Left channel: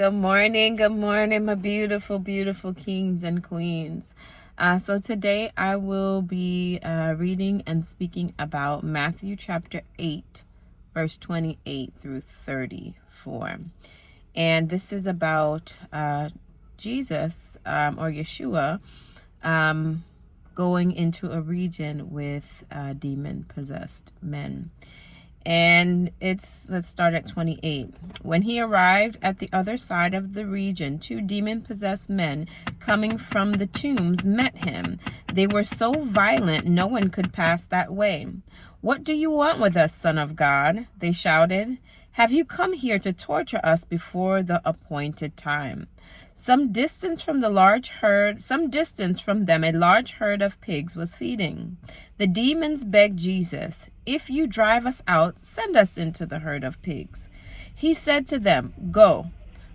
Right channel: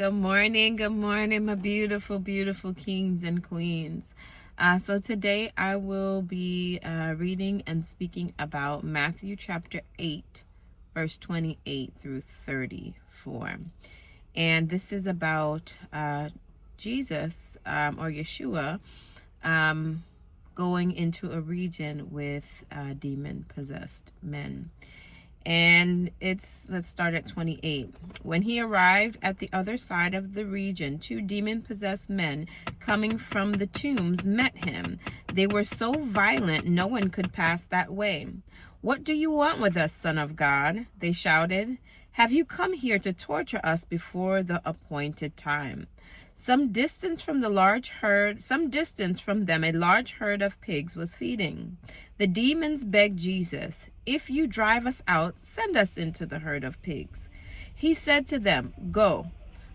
Good morning, my beautiful, beautiful kings and queens. So today I will be reading and speaking about Matthew chapter 8, verse 28 through 34. And this is about Jesus or Yeshua going into a region with demon-possessed men. And let's start at 28. When he arrived at the other side of the region, 2 demon-possessed men coming from the tombs met him. They were so violent no one could pass that way. "What do you want with us, Son of God?" they shouted. "Have you come here to torture us before the appointed time?" Some distance from them, a large herd of pigs was feeding. The demons begged Jesus, "If you drive us out, send us into the herd of pigs." He said to them, "Go."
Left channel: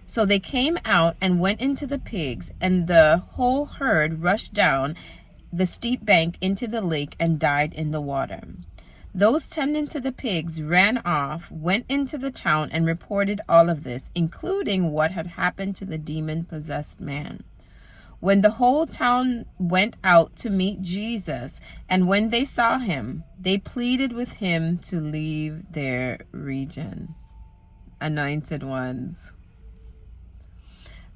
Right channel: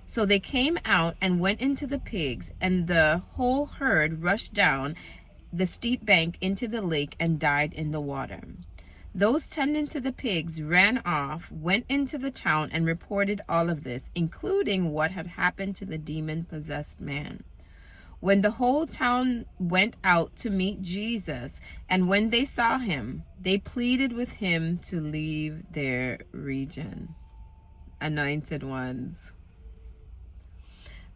So they came out and went into the pigs, and the whole herd rushed down the steep bank into the lake and died in the water. Those tending to the pigs ran off, went into the town, and reported all of this, including what had happened to the demon-possessed man. When the whole town went out to meet Jesus, and when they saw him, they pleaded with him to leave their region. Anointed ones,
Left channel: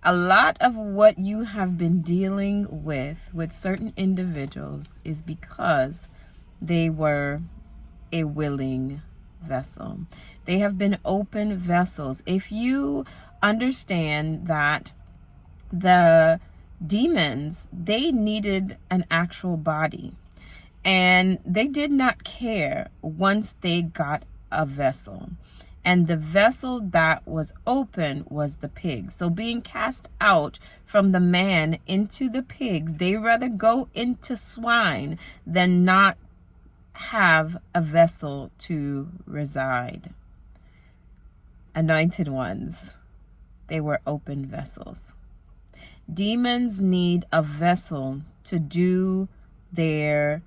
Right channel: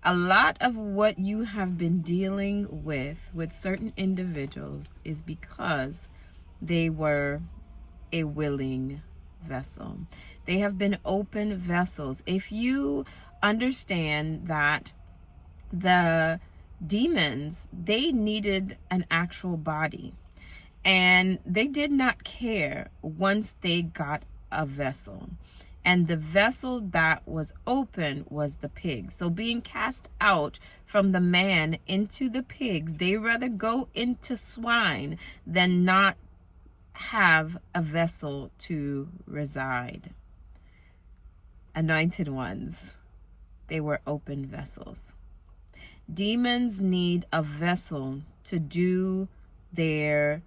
a lot of what you have been dealing with certain individuals is because they were a willing vessel. They have been open vessels. If you understand that the demons, they needed an actual body, and they did not care once they got a vessel, and the vessel that was open was the pig. So being cast out from the man into the pigs, they rather go into swine than not have a vessel to reside. Anointed ones, they were open vessels. Demons need a vessel to do their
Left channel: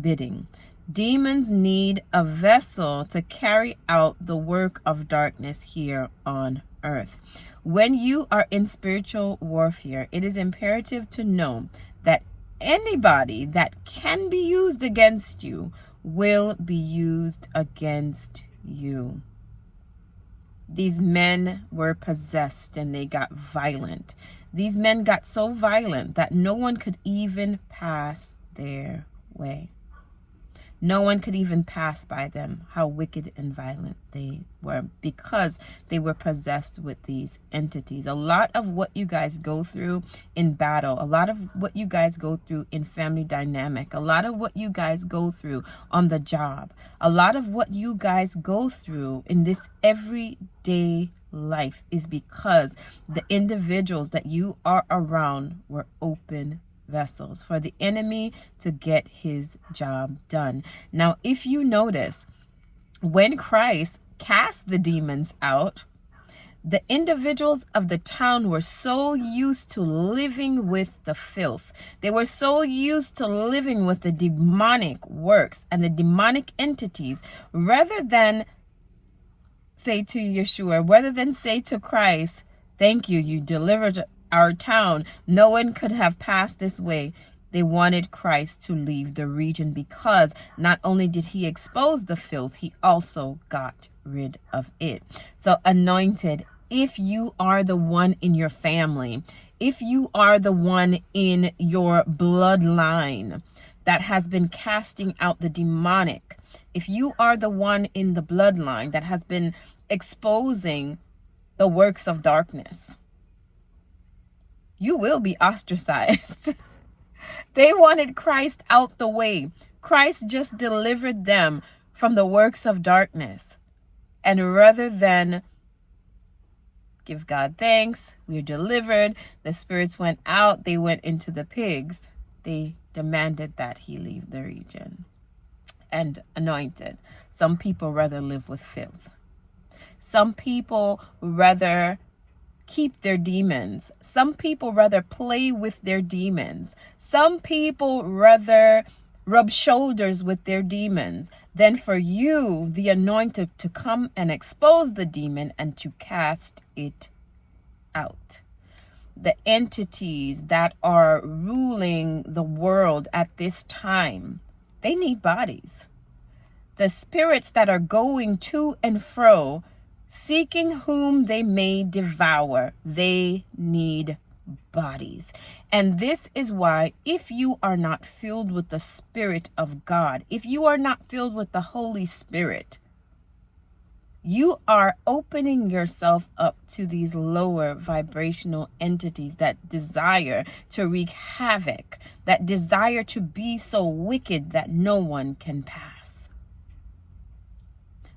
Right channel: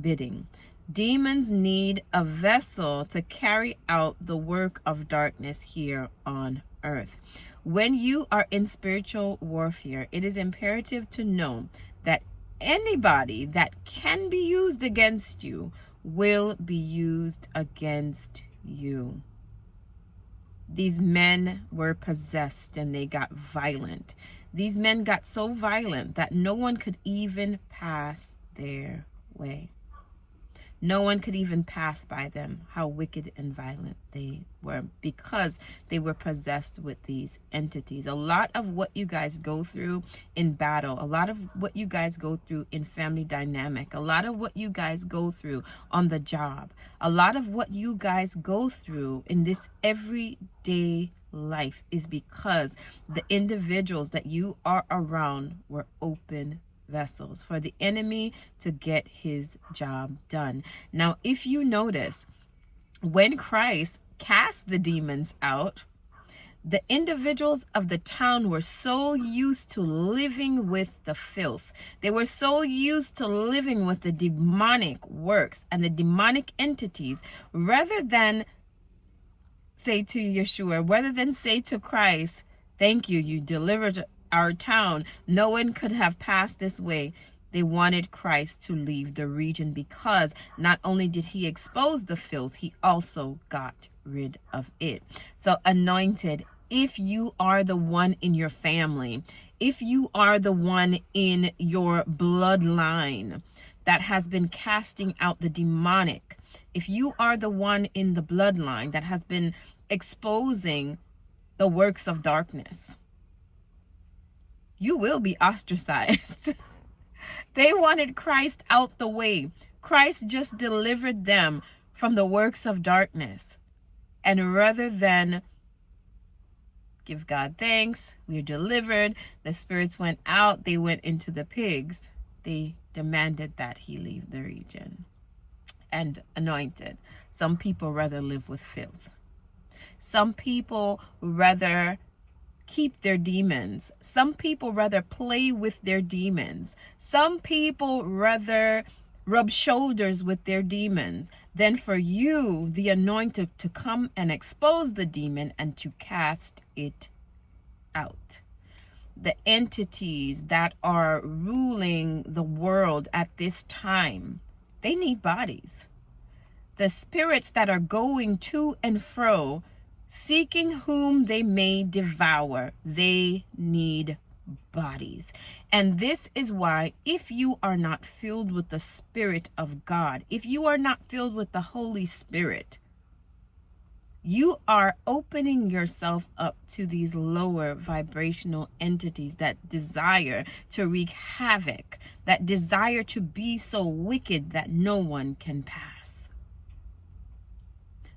bidding. Demons need a vessel to carry out the work of darkness here on earth. When you are in spiritual warfare, it is imperative to know that anybody that can be used against you will be used against you. These men were possessed and they got violent. These men got so violent that no one could even pass their way. No one could even pass by them, how wicked and violent they were, because they were possessed with these entities. A lot of what you guys go through in battle, a lot of what you guys go through in family dynamic, a lot of what you guys go through on the job, a lot of what you guys go through in this everyday life is because the individuals that you are around were open vessels for the enemy to get his job done. Now, if you notice, when Christ cast the demons out, the individuals of the town were so used to living with the filth. They were so used to living with the demonic works and the demonic entities, rather than say to Yeshua, rather than say to Christ, "Thank you, you delivered our town. No one could have passed this way." They wanted Christ to leave the region, because not only did he expose the filth, he also got rid of it. So anointed, if you are the one in your family, if you are the one in your bloodline that has been casting out the demonic, if you are the one in the bloodline that has been exposing the works of darkness, you will be ostracized. They wanted Christ out the way. Christ just delivered them from the works of darkness. And rather than give God thanks, we're delivered, the spirits went out, they went into the pigs, they demanded that he leave the region. And anointed, some people rather live with filth. Some people rather keep their demons. Some people rather play with their demons. Some people rather rub shoulders with their demons than for you, the anointed, to come and expose the demon and to cast it out. The entities that are ruling the world at this time, they need bodies. The spirits that are going to and fro, seeking whom they may devour, they need bodies. And this is why, if you are not filled with the Spirit of God, if you are not filled with the Holy Spirit, you are opening yourself up to these lower vibrational entities that desire to wreak havoc, that desire to be so wicked that no one can pass.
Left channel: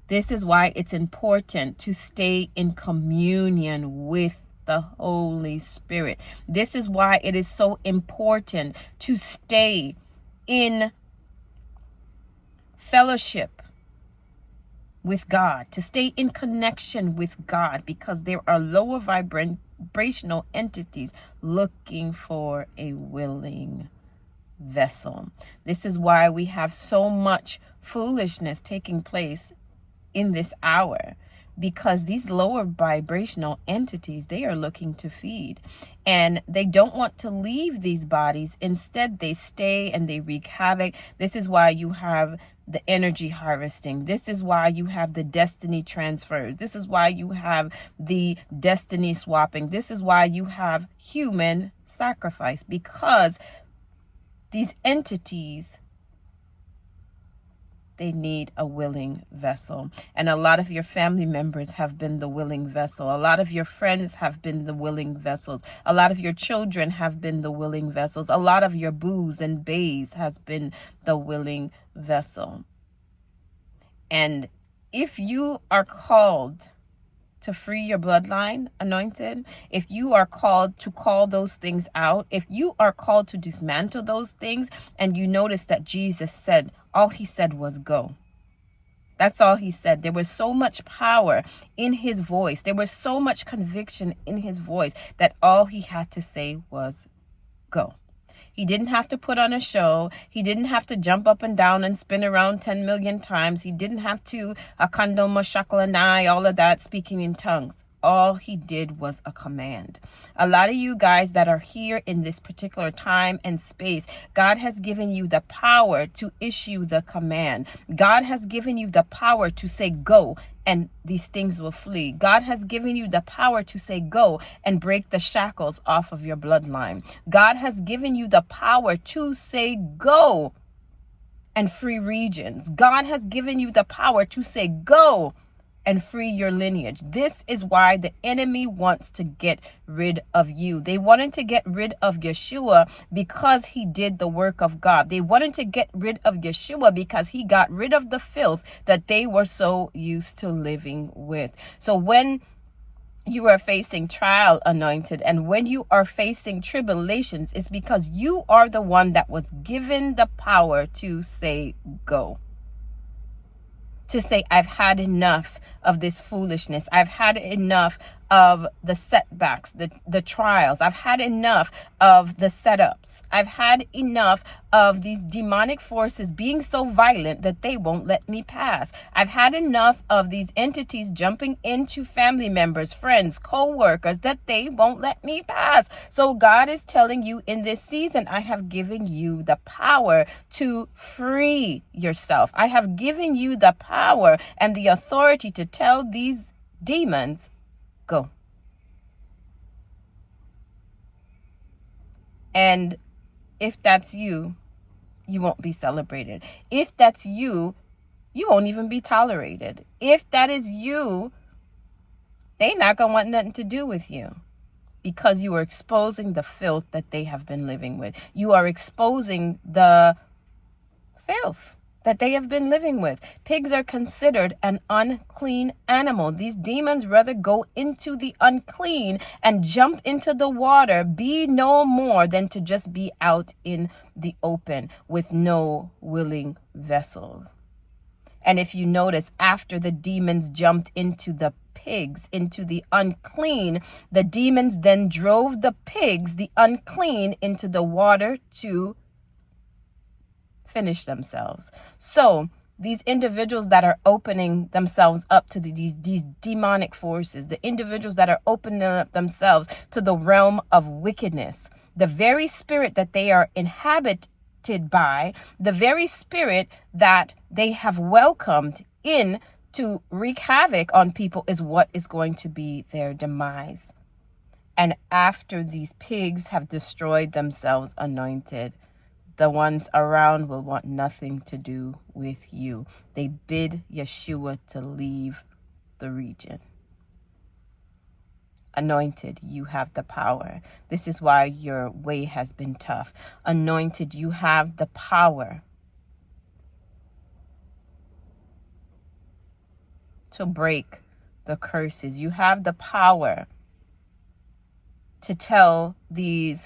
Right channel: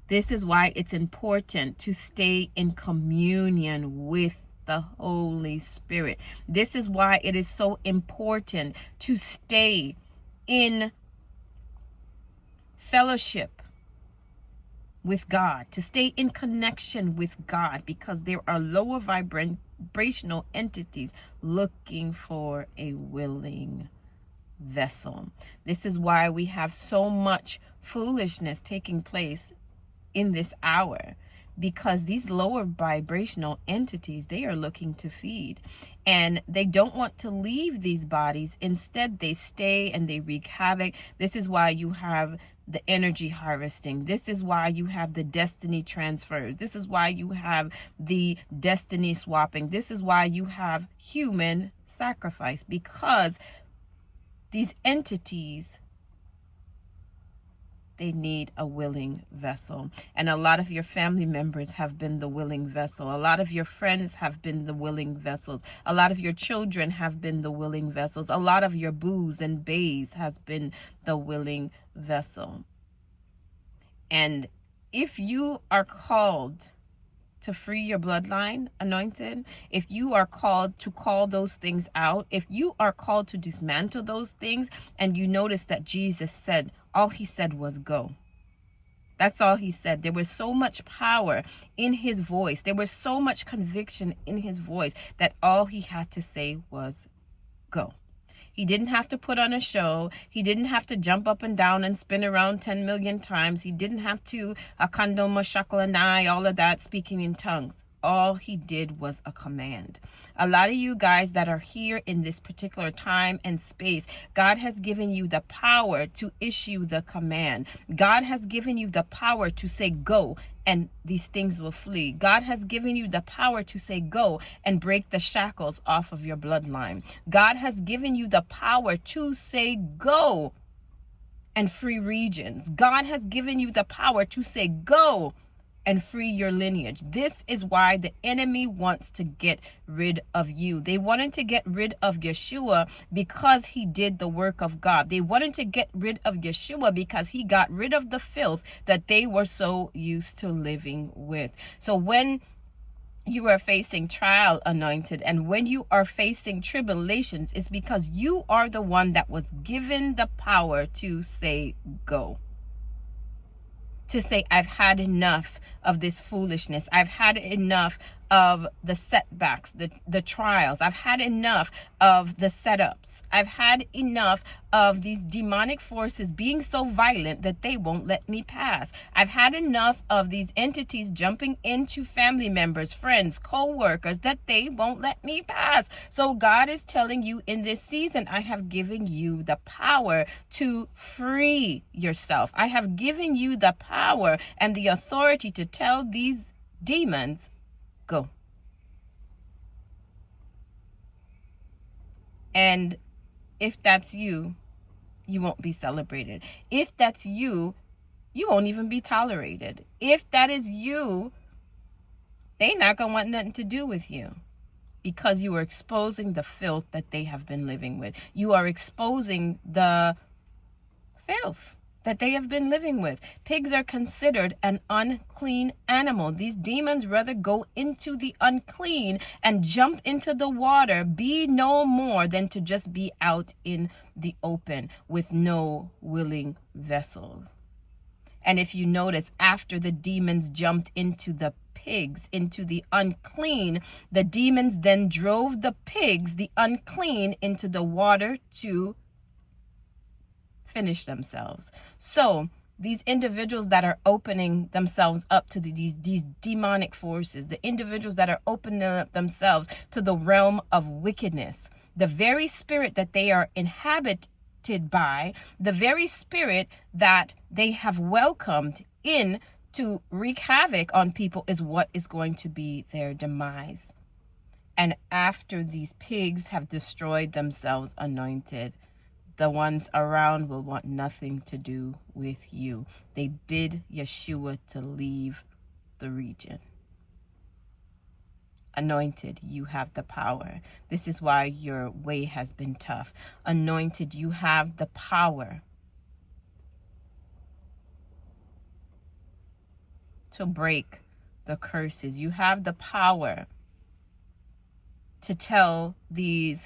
This is why it's important to stay in communion with the Holy Spirit. This is why it is so important to stay in fellowship with God, to stay in connection with God, because there are lower vibrational entities looking for a willing vessel. This is why we have so much foolishness taking place in this hour, because these lower vibrational entities, they are looking to feed, and they don't want to leave these bodies. Instead, they stay and they wreak havoc. This is why you have the energy harvesting. This is why you have the destiny transfers. This is why you have the destiny swapping. This is why you have human sacrifice, because these entities, they need a willing vessel. And a lot of your family members have been the willing vessel. A lot of your friends have been the willing vessels. A lot of your children have been the willing vessels. A lot of your boos and bays has been the willing vessel. And if you are called to free your bloodline, anointed, if you are called to call those things out, if you are called to dismantle those things, and you notice that Jesus said, all he said was go. That's all he said. There was so much power in his voice. There was so much conviction in his voice that all he had to say was go. He didn't have to put on a show. He didn't have to jump up and down and spin around 10 million times. He didn't have to akandoma shaklalanai, all of that, speaking in tongues. All he did was a command. A lot of you guys that are here in this particular time and space, God has given you the power to issue the command. God has given you the power to say go, and these things will flee. God has given you the power to say go and break the shackles off of your bloodline. God has given you the power to say go and free regions. God has given you the power to say go and free your lineage. This is why the enemy wants to get rid of you. They wanted to get rid of Yeshua because he did the work of God. They wanted to get rid of Yeshua because he got rid of the filth that they were so used to living with. So when you are facing trial, anointed, and when you are facing tribulations, it's because you are the one that was given the power to say go. To say, I've had enough of this foolishness. I've had enough of the setbacks, the trials. I've had enough of the setups. I've had enough of these demonic forces being so violent that they won't let me pass. I've had enough of these entities jumping into family members, friends, co-workers, that they won't let me pass. So God is telling you in this season, I have given you the power to free yourself. I have given you the power and the authority to tell these demons, go. And if that's you, you won't be celebrated. If that's you, you won't even be tolerated. If that is you, they're not going to want nothing to do with you, because you are exposing the filth that they have been living with. You are exposing the filth that they have been living with. Pigs are considered an unclean animal. These demons rather go into the unclean and jump into the water, be no more than to just be out in the open with no willing vessels. And if you notice, after the demons jumped into the pigs, into the unclean, the demons then drove the pigs, the unclean, into the water to finish themselves. So these individuals that are opening themselves up to these demonic forces, the individuals that are opening up themselves to the realm of wickedness, the very spirit that they are inhabited by, the very spirit that they have welcomed in to wreak havoc on people, is what is going to be their demise. And after these pigs have destroyed themselves, Anointed, the ones around will want nothing to do with you. They bid Yeshua to leave the region. Anointed, you have the power. This is why your way has been tough. Anointed, you have the power to break the curses. You have the power to tell these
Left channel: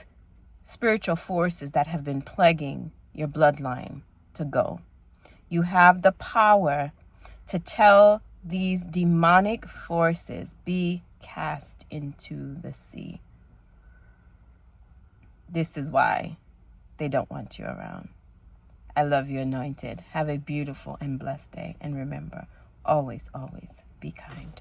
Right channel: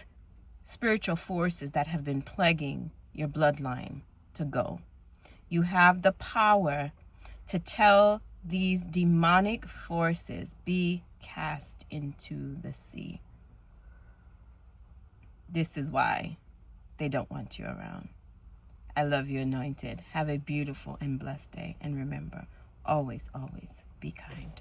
spiritual forces that have been plaguing your bloodline to go. You have the power to tell these demonic forces, be cast into the sea. This is why they don't want you around. I love you, Anointed. Have a beautiful and blessed day. And remember, always, always be kind.